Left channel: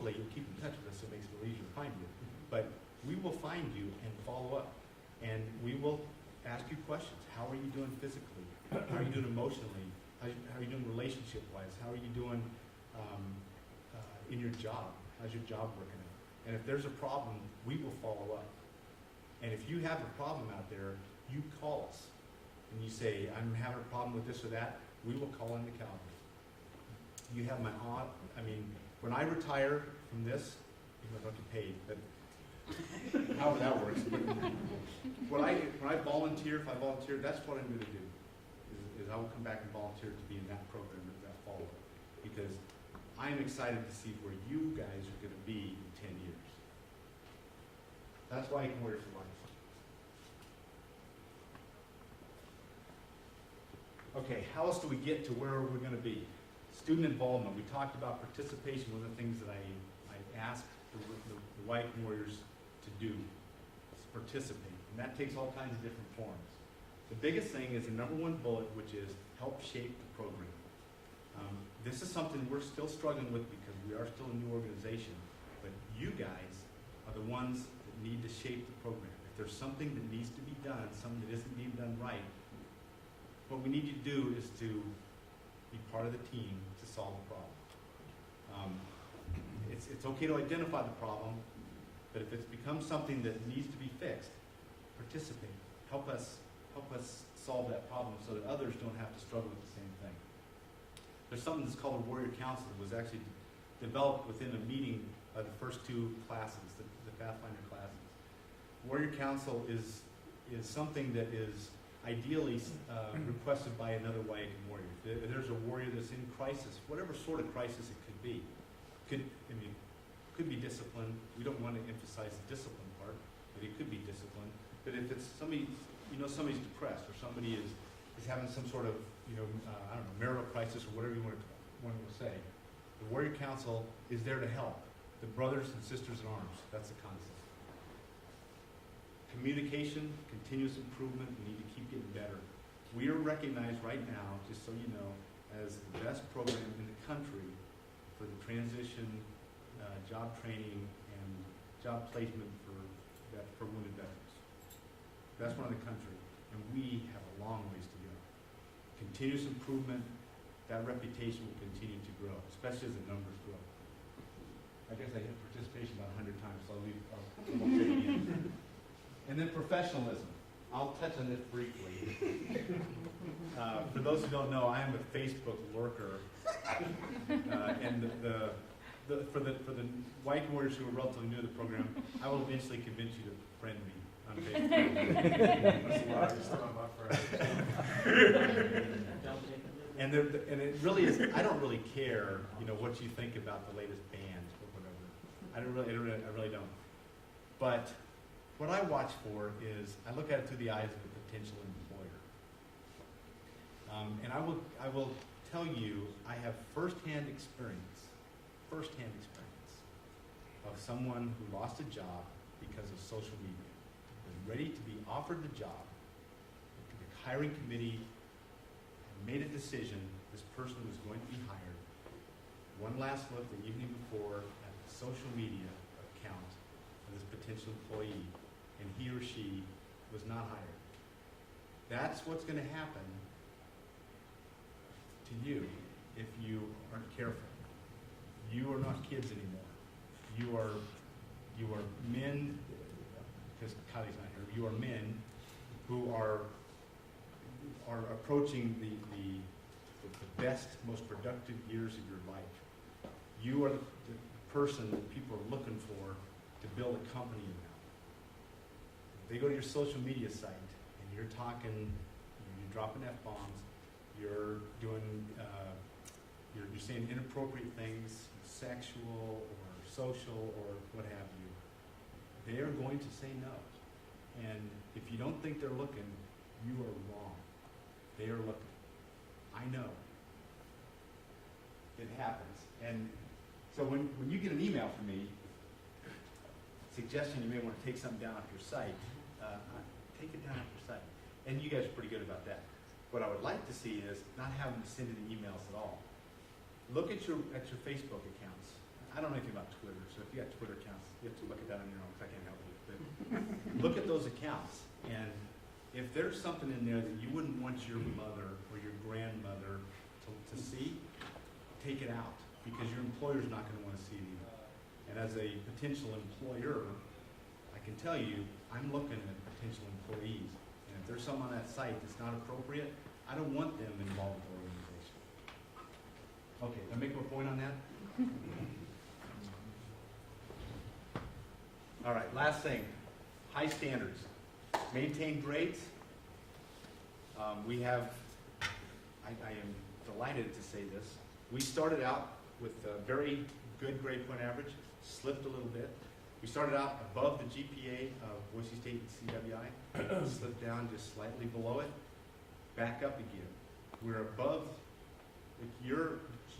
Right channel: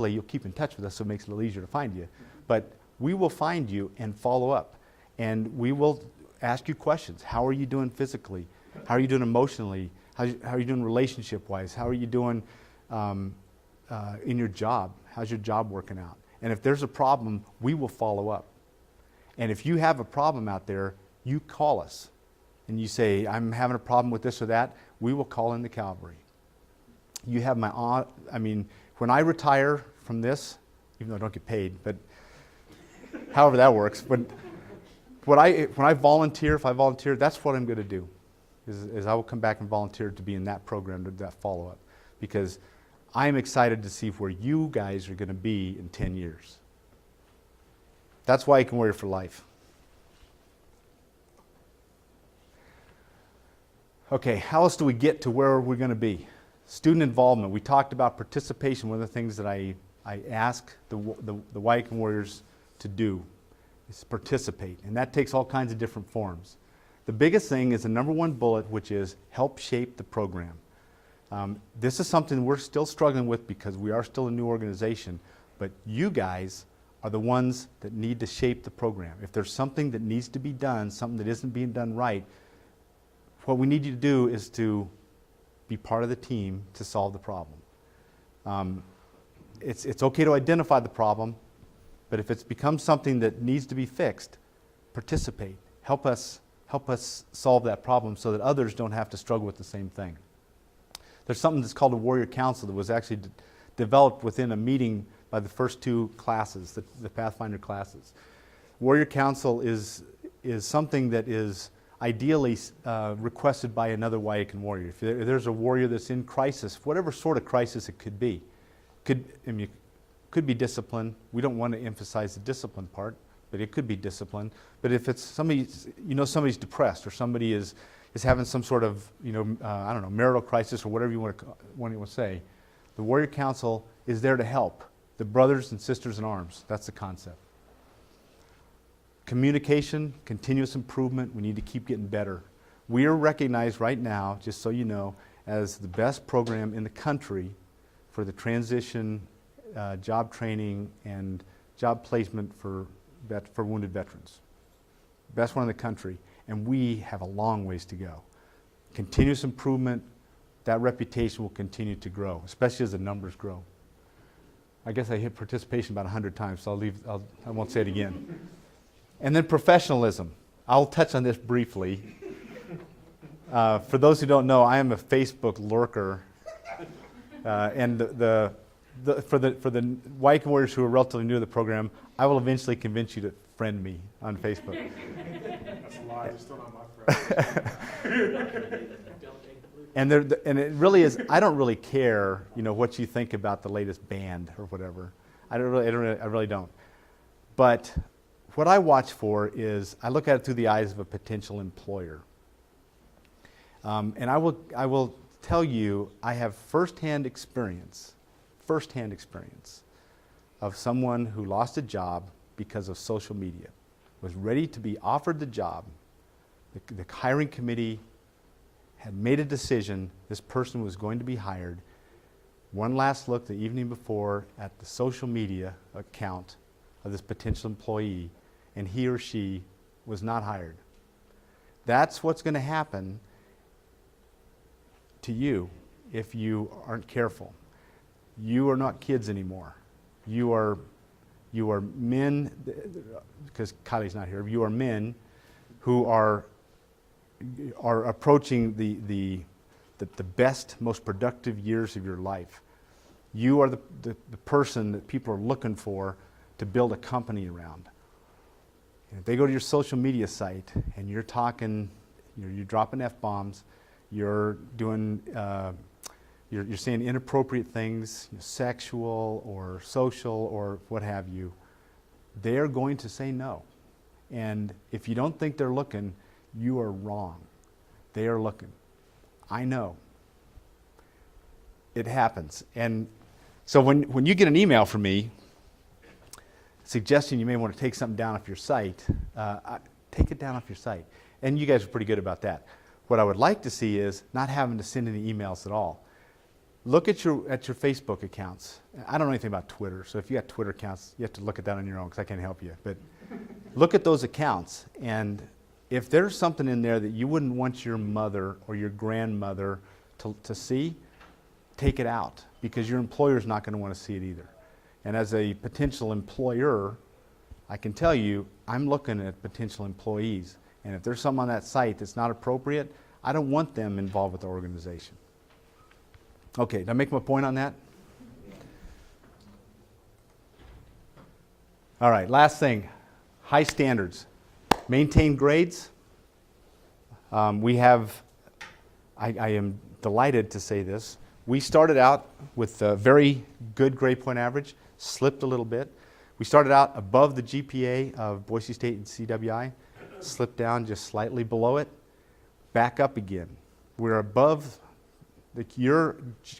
you'll keep in touch with us, so it makes it a little easier to find you. But we will find you and follow up. And we will ask you questions. How are you doing physically? How are you doing emotionally? How are you doing relationship-wise? How are you doing in your job? How's your job working out? And if there's a problem, we will follow up. And if you have a problem out there, you call us. And you say, I'm having a problem with this or that, we will call in the Calvary. You have my, when I retire from this, even though I don't get paid, but however that works, but when I volunteer, if I volunteer, that's what I'm going to do, is I will come back and volunteer to be in that program, to that follow-up, because I'm excited to see where you guys are going to be in 10 years. That's Wyakin Warrior for life. Okay, how else do we get to where we're going to be? Student involvement. We talked about participation. One of the things that I ask the Wyakin Warriors to do is participate, and that takes all kinds of different forms. The biggest thing is the number one bullet, which is help shape the program. This is something we're still struggling with because we are still a new organization, but you guys are the ones that need to shape the program. If there's something that needs to be done, something that isn't being done right, what we need you to do is to be part of the team to solve the problem. It's okay to identify the problem, but if it's become something that needs to be fixed, participate. Help us solve that problem so that others don't have to struggle with the same thing. There's something that's called a Warrior Council that was actually developed within a meeting by the first two classes, the Pathfinder classes. Warrior Council is something that is ideally requested by another Wyakin Warrior. If there's a warrior that's in crisis, whatever sort of crisis it could be, it could be discipline. We don't want to emphasize the discipline part, but it could be discipline. But if it's somebody, somebody's depressed, or somebody is having some sort of, I don't know, marital crisis, or whatever you want to say, the Warrior Council is there to help the brothers and sisters in arms. That's the concept. Communication, continuous improvement. We need to keep getting better. We are recognized right now, just so you know, as the best program in the country for the transition, job training, and job placement for wounded veterans. Best one in the country, and we have a long ways to go. Continuous improvement, that reputation will continue to grow, especially as the numbers grow. I guess I hit participation about 100 times, so I won't say it again. And then professionalism. I'll touch on this briefly. For those who don't know, I am a Facebook lurker, and for the Wyakin Warriors who are relatively new to the program, I will eventually convince you to friend me on Facebook. And it really is. I don't really care, what you think about the latest band or whatever. I really don't. But what I watch for is I look at it through the eyes of a potential employer. And I will tell you, I have firsthand experience of someone who lost a job because of social media, was ready to be offered the job. The hiring committee had made a decision this person was going to be hired. One last look the evening before at the social media account of this potential employee, and he or she was not hired. That's what's going to happen to you if you aren't careful. You are not kids anymore. You are men, because Kylie's not here, you are men who are approaching the best, most productive years of your life. You are the person that people are looking for to build a company around. If they go to your social media site and you're talking, you're dropping F-bombs, you're doing, you're saying inappropriate things, sexual or social or what have you, they're going to say no. And if you don't think they're looking, you are wrong. They are looking. I know. It happens. And so when you get an email from me suggesting you may want to take something down off your site, take it down off your site. And you guys are pretty good about that. What I would like to see is not having to send any emails at all. Look at your Facebook accounts. I don't know anything about Twitter, so if you got Twitter accounts, you have to look at that on your own because I can't help you. But look at those accounts, and if there's something in there that you wouldn't want your mother or your grandmother to see, take it out, because your employer's not going to want to see it either. And as a potential employer, I can tell you, I'm looking at potential employees, and if there's some on that site that's not appropriate, I don't want them involved with the organization. Okay, did I make my point on that? All right, last thing, high standards. Maintain grades. We have, I am delighted to say this, we started out with a very good grade point average, slipped a little bit. We started out above the GPA of Boise State and CWI, slipped down just slightly below it, back up again. We're above, your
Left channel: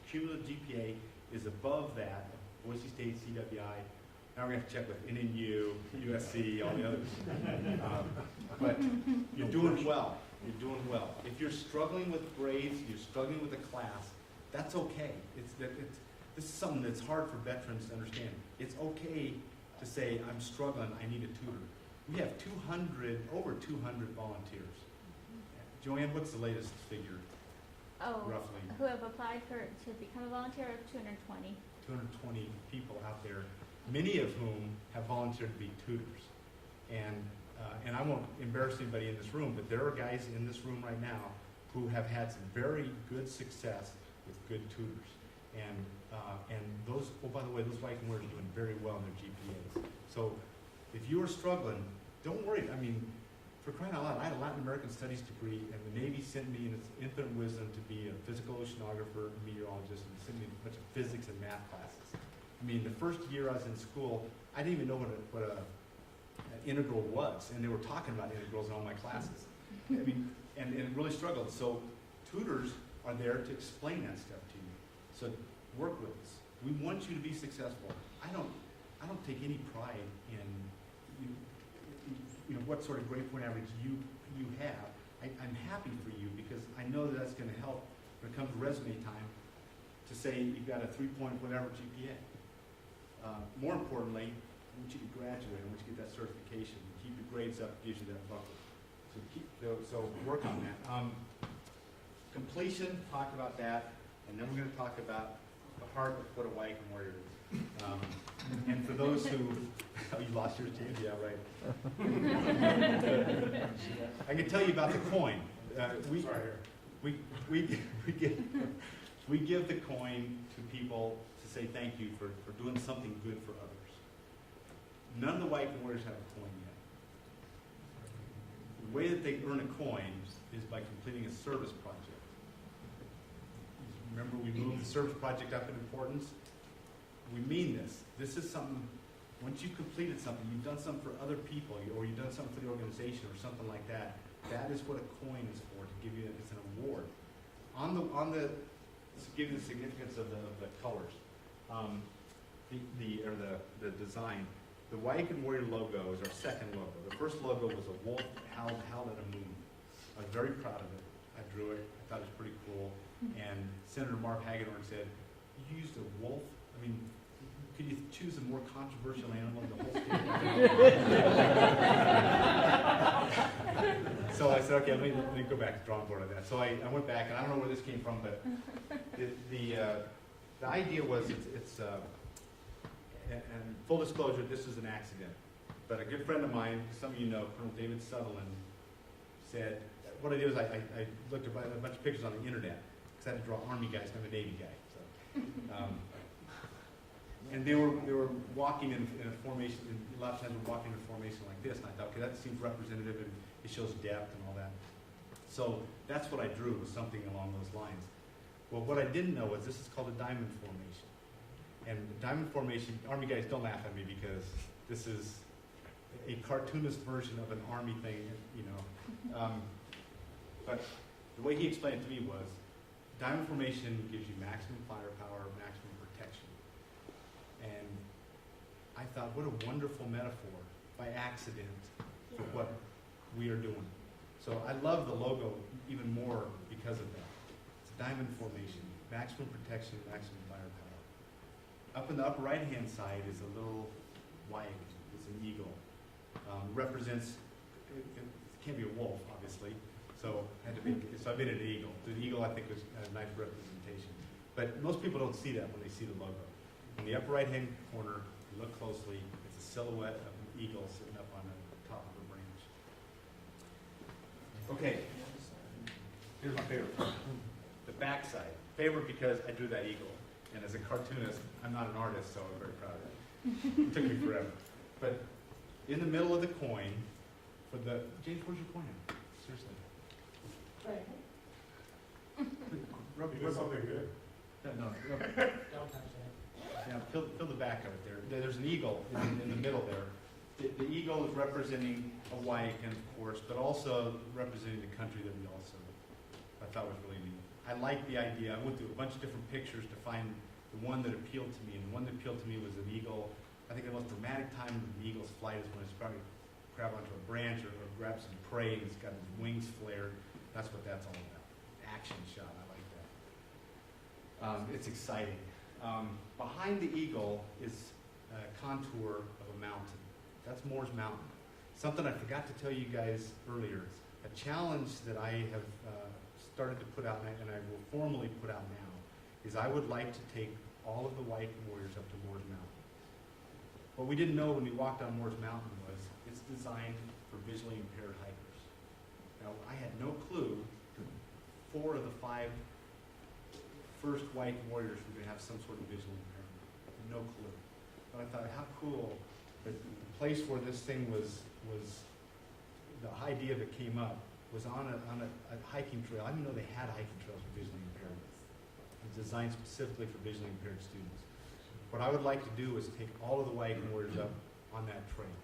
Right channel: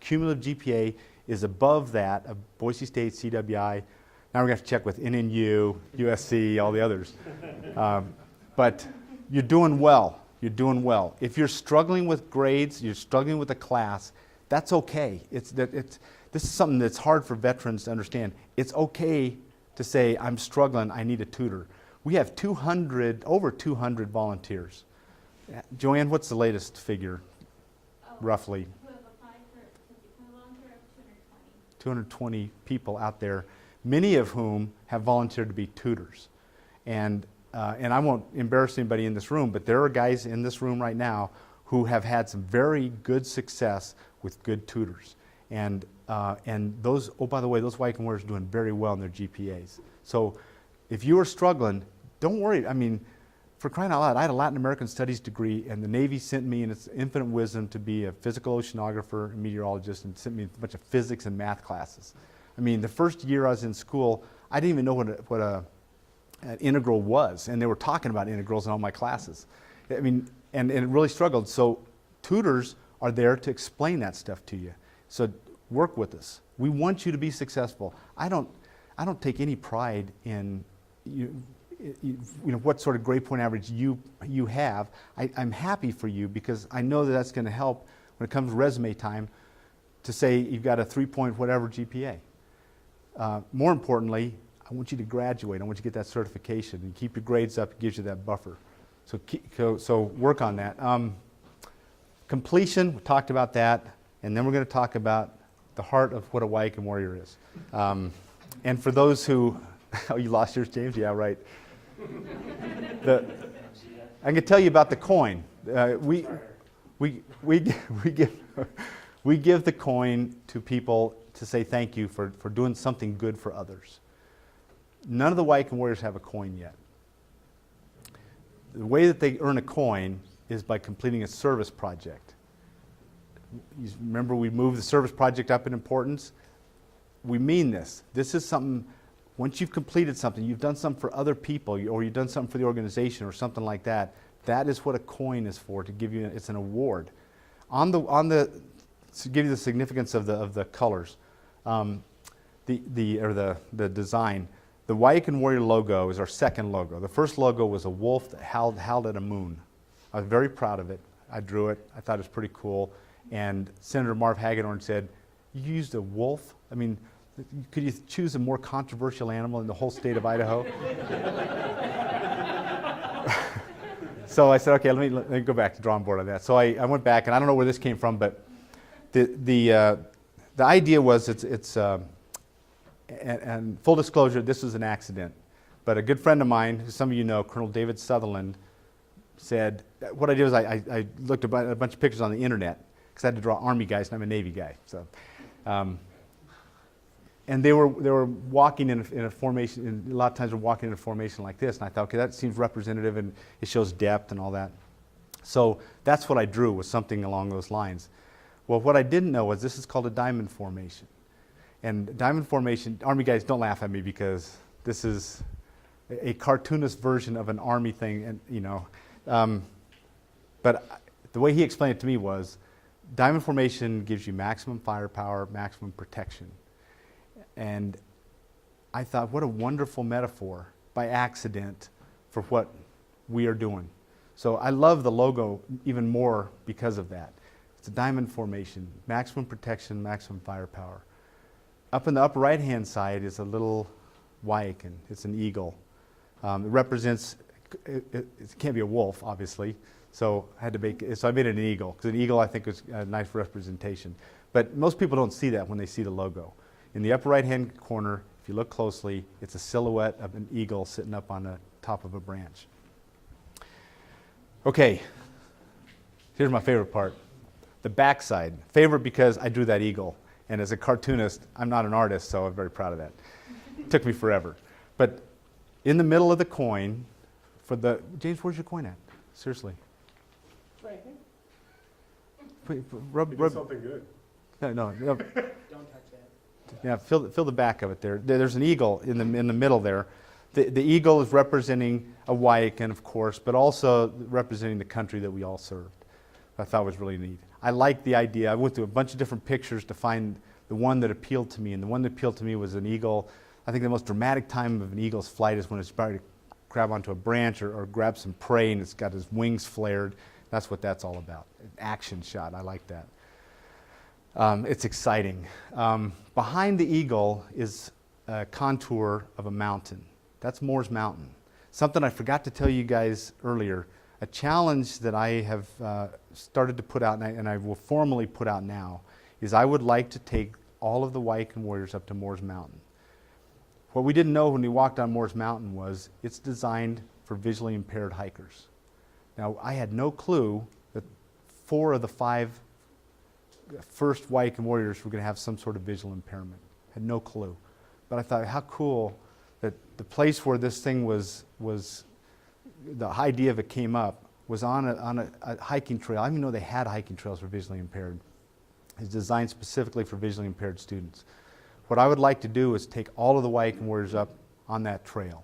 cumulative GPA is above that of Boise State, CWI. Now we're going to have to check with NNU, USC, all the others. But you're doing well. You're doing well. If you're struggling with grades, you're struggling with a class, that's okay. This is something that's hard for veterans to understand. It's okay to say, I'm struggling, I need a tutor. We have over 200 volunteers. Joanne, what's the latest figure, roughly? Who have applied to become a volunteer of 220. 220 people out there, many of whom have volunteered to be tutors. And I won't embarrass anybody in this room, but there are guys in this room right now who have had some very good success with good tutors. And those, oh, by the way, those Wyakin Warriors are doing very well in their GPAs. So if you are struggling, don't worry. I mean, for crying out loud, I had a Latin American Studies degree, and the Navy sent me in its infinite wisdom to be a physical oceanographer and meteorologist, and sent me a bunch of physics and math classes. I mean, the first year I was in school, I didn't even know what an integral was, and they were talking about integrals in all my classes. I mean, and it really struggled. So tutors are there to explain that stuff to you. So work with us. We want you to be successful. I don't take any pride in you know what sort of grade point average you have. I'm happy for you because I know that that's going to help when it comes to resume time to say you've got a 3-point whatever GPA. More importantly, I want you to graduate. I want you to get that certification and keep your grades up. It gives you that buffer. So work on that. Completion, we talked about that, and then we're going to talk about the heart of what a Wyakin Warrior is. And for those who, oh, you lost yours, James? Yeah, right. I can tell you about the coin. We give the coin to people to say thank you for doing something good for others. None of the Wyakin Warriors have a coin yet. The way that they earn a coin is by completing a service project. You remember we moved the service project up in importance? We mean this. This is something, once you've completed something, you've done something for other people, or you've done something for the organization or something like that, that is what a coin is for, to give you, it's an award. To give you the significance of the colors, the design, the Wyakin Warrior logo is our second logo. The first logo was a wolf that howled at a moon. I was very proud of it. I drew it. I thought it was pretty cool. And Senator Marv Hagedorn said, "You used a wolf? I mean, could you choose a more controversial animal in the whole state of Idaho?" So I said, okay, let me go back to the drawing board on that. So I went back, and I don't know where this came from, but the idea was and full disclosure, this is an accident. But a good friend of mine, who some of you know, Colonel David Sutherland, said, what I did was I looked at a bunch of pictures on the internet, because I had to draw Army guys, and I'm a Navy guy. So, and they were walking in a formation, and a lot of times they're walking in a formation like this, and I thought, okay, that seems representative, and it shows depth and all that. So that's what I drew, was something along those lines. Well, what I didn't know was this is called a diamond formation. And diamond formation, Army guys, don't laugh at me, because this is a cartoonist version of an Army thing, and you know. But the way he explained it to me was, diamond formation gives you maximum firepower, maximum protection. And I thought, what a wonderful metaphor by accident for what we are doing. So I love the logo even more because of that. It's a diamond formation, maximum protection, maximum firepower. Up in the upper right-hand side is a little Wyakin. It's an eagle. It represents, it can't be a wolf, obviously, so I made it an eagle, because an eagle, I think, is a nice representation. But most people don't see that when they see the logo. In the upper right-hand corner, if you look closely, it's a silhouette of an eagle sitting up on the top of a branch. Okay, here's my favorite part. The backside. Favorite because I drew that eagle. And as a cartoonist, I'm not an artist, so I'm very proud of that. It took me forever. But in the middle of the coin, James, where's your coin at? Seriously. Right. Rub Something good. no. Don't touch that. Yeah, fill the back of it there. There's an eagle in the middle there. The eagle is representing a Wyakin, of course, but also representing the country that we all served. I thought was really neat. I liked the idea. I went through a bunch of different pictures to find the one that appealed to me, and the one that appealed to me was an eagle. I think the most dramatic time of an eagle's flight is when it's about to grab onto a branch or grab some prey, and it's got its wings flared. That's what that's all about. An action shot. I like that. It's exciting. Behind the eagle is a contour of a mountain. That's Moore's Mountain. Something I forgot to tell you guys earlier. A challenge that I have started to put out, and I will formally put out now, is I would like to take all of the Wyakin Warriors up to Moore's Mountain. What we didn't know when we walked on Moore's Mountain was it's designed for visually impaired hikers. Now, I had no clue that 4 of the 5 first Wyakin Warriors were going to have some sort of visual impairment. I had no clue. But I thought, how cool that the place where this thing was the idea of it came up was on a hiking trail. I didn't even know they had hiking trails for visually impaired. It's designed specifically for visually impaired students. What I would like to do is take all of the Wyakin Warriors up on that trail.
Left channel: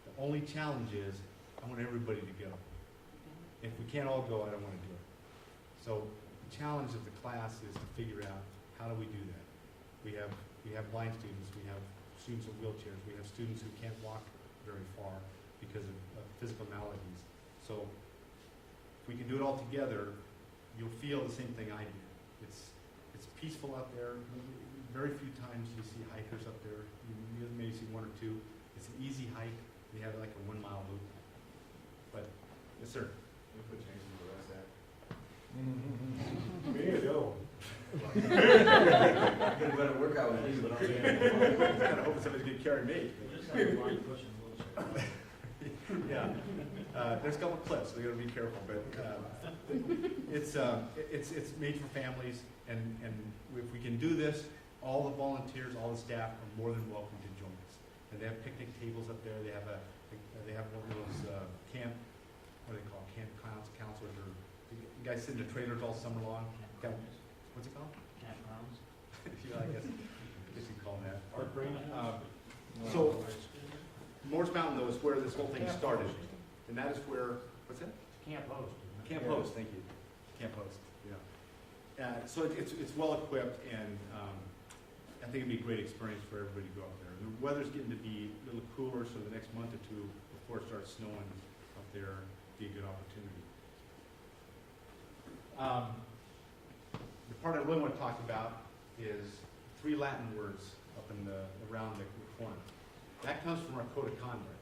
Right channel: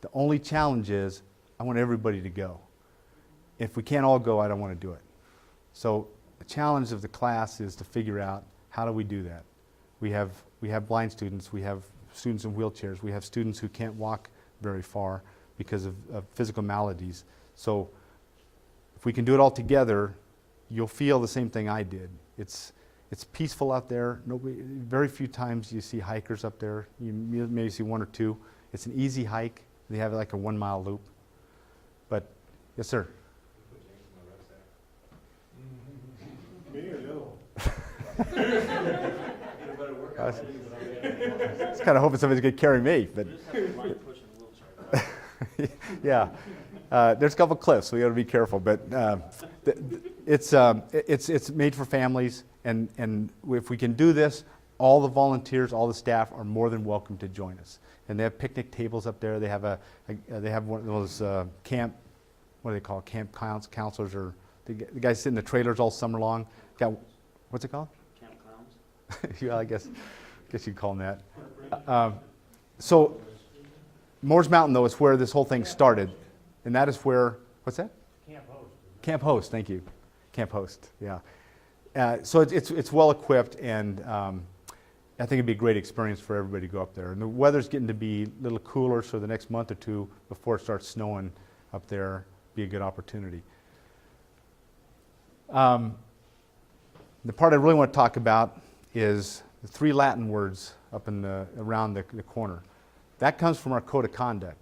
The only challenge is I want everybody to go. If we can't all go, I don't want to do it. So the challenge of the class is to figure out how do we do that. We have blind students, we have students in wheelchairs, we have students who can't walk very far because of physical maladies. So if we can do it all together, you'll feel the same thing I did. It's peaceful out there. Very few times you see hikers up there. You maybe see 1 or 2. It's an easy hike. They have like a 1-mile loop. But yes, sir. We need a good one. I was kind of hoping somebody's going to carry me, but yeah. There's a couple cliffs, so we got to be careful. But it's made for families, and if we can do this, all the volunteers, all the staff are more than welcome to join us. And they have picnic tables up there. They have one of those camp, what do they call it, camp counselors, or the guys sit in the trailers all summer long. What's it called? Camp clowns. Yeah, I guess you'd call them that. So Moore's Mountain, though, is where this whole thing started. And that is where, what's that? Camp host. Camp Host, thank you. Camp Host, yeah. So it's well equipped, and I think it'd be a great experience for everybody to go up there. And the weather's getting to be a little cooler, so the next month or 2 before it starts snowing up there, be a good opportunity. The part I really want to talk about is the 3 Latin words up around the corner. That comes from our code of conduct.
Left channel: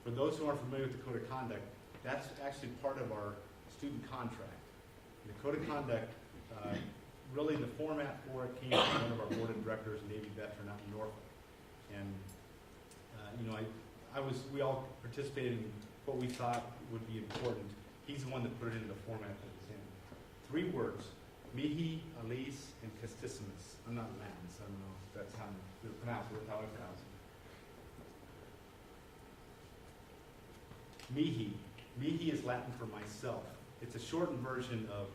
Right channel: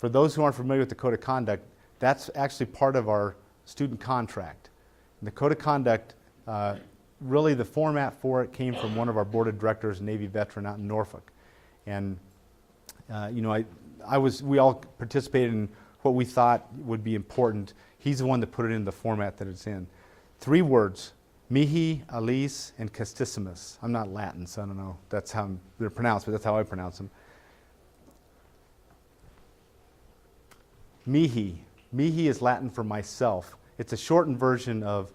For those who aren't familiar with the code of conduct, that's actually part of our student contract. And the code of conduct, really the format for it came from one of our board of directors, a Navy veteran out in Norfolk. And we all participated in what we thought would be important. He's the one that put it in the format that it's in. 3 words: mihi, alis, and castissimus. I'm not Latin, so I don't know if that's how they're pronounced, but that's how I pronounce them. Mihi. Mihi is Latin for myself. It's a shortened version of,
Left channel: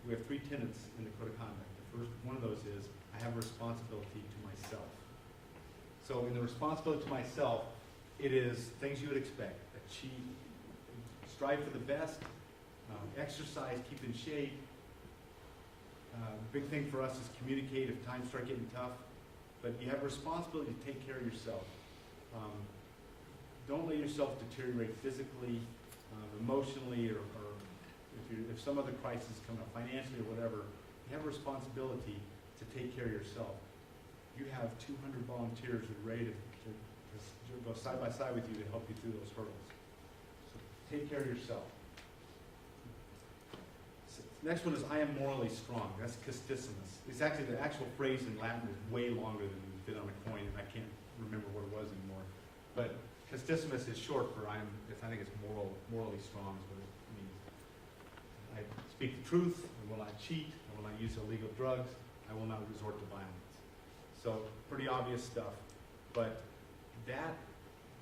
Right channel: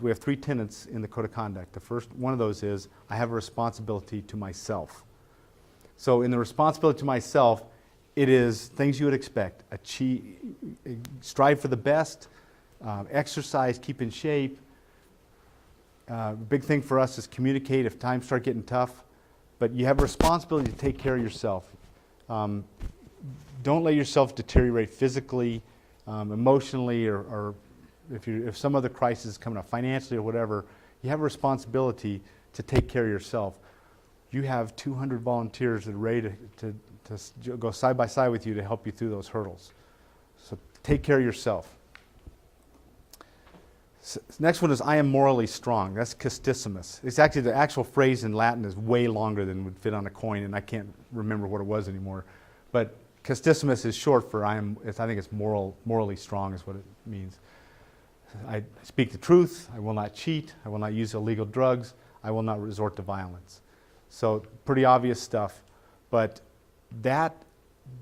we have 3 tenets in the code of conduct. The first one of those is, I have a responsibility to myself. So in the responsibility to myself, it is things you would expect. Strive for the best, exercise, keep in shape. The big thing for us is communicate if times start getting tough. But you have a responsibility to take care of yourself. Don't let yourself deteriorate physically, emotionally, or if some other crisis is coming up, financially or whatever. You have a responsibility to take care of yourself. you have 200 volunteers that are ready to go side by side with you to help you through those hurdles. So take care of yourself. Next one is I am morally strong. That's castissimus. It's actually the actual phrase in Latin is way longer than would fit on a coin, and I can't remember what it was anymore. But castissimus is short for I think it's morally strong is what it means. I speak the truth. I will not cheat. I will not use illegal drugs. I will not resort to violence. So pretty obvious stuff, but that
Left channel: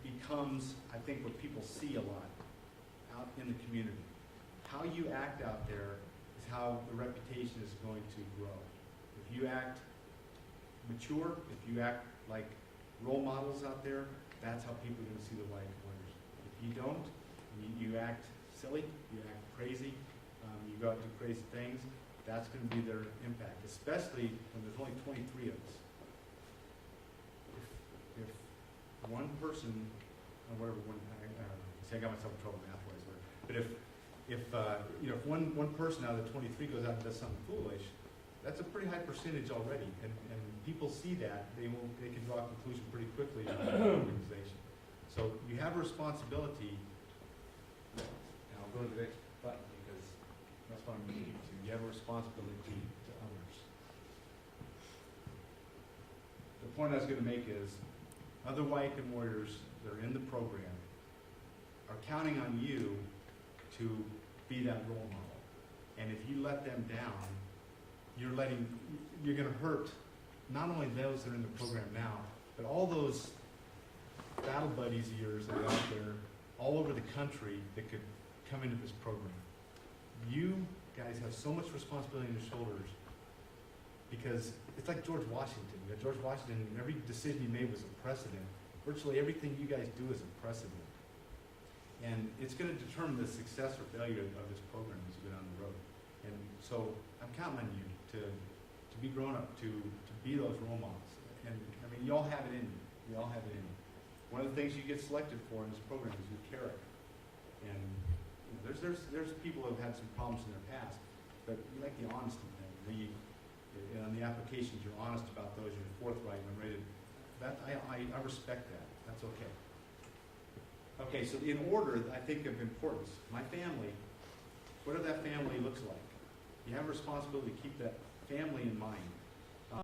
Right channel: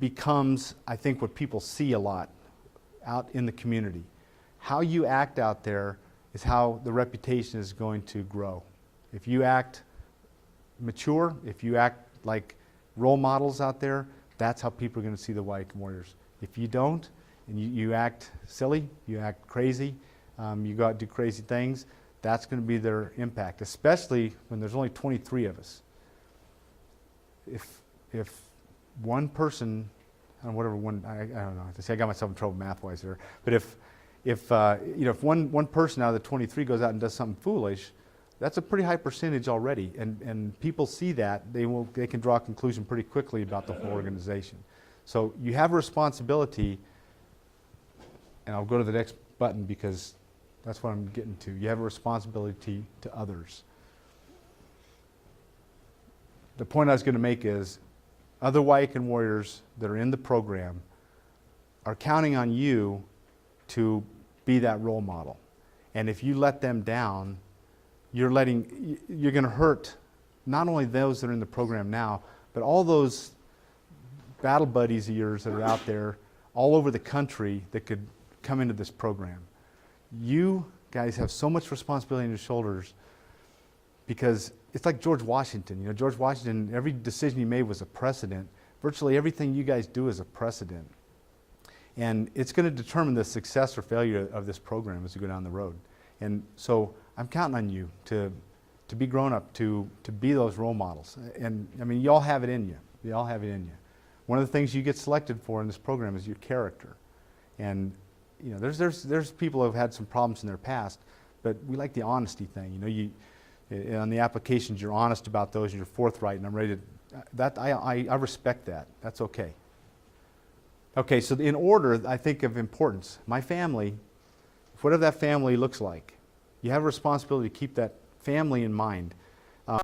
becomes, I think, what people see a lot out in the community. How you act out there is how the reputation is going to grow. If you act mature, if you act like role models out there, that's how people are going to see the Wyakin Warriors. If you don't, and you act silly, you act crazy, you go out and do crazy things, that's going to be their impact, especially when there's only 23 of us. If one person, whatever one, I don't know, I got myself in trouble math-wise there, but if one person out of the 23 goes out and does something foolish, that's a pretty high percentage already, and people see that, they can draw a conclusion pretty quickly about the whole organization. So you have a responsibility, and I'll go to the next button because that's what I'm getting to. You have a responsibility to others. The point I was going to make is other Wyakin Warriors that are in the program are counting on you to be that role model. And if you let them down, you're going to hurt not only those that are in the program now, but all those battle buddies of yours that are out there all over the country that could come into this program. You guys have so much responsibility on your shoulders because it's like George Washington. You know, George Washington, every decision he made was a precedent. Virtually everything you guys do is a precedent. And it's going to determine the success or failure of this program as we go down the road. And so I'm counting on you to be grown up, to be those role models. And I mean, you all have it in you. You all have it in you. One of the things you get selected for in this program is your character. And you know, there's people who have had some problems in their past, but we like the honesty thing. You know, on the applications, you're honest about those, and you're forthright, and I'm ready to. I respect that. That's okay. Okay, so in order, I think of importance. My family, whatever that family looks like, you have a responsibility to keep that family in mind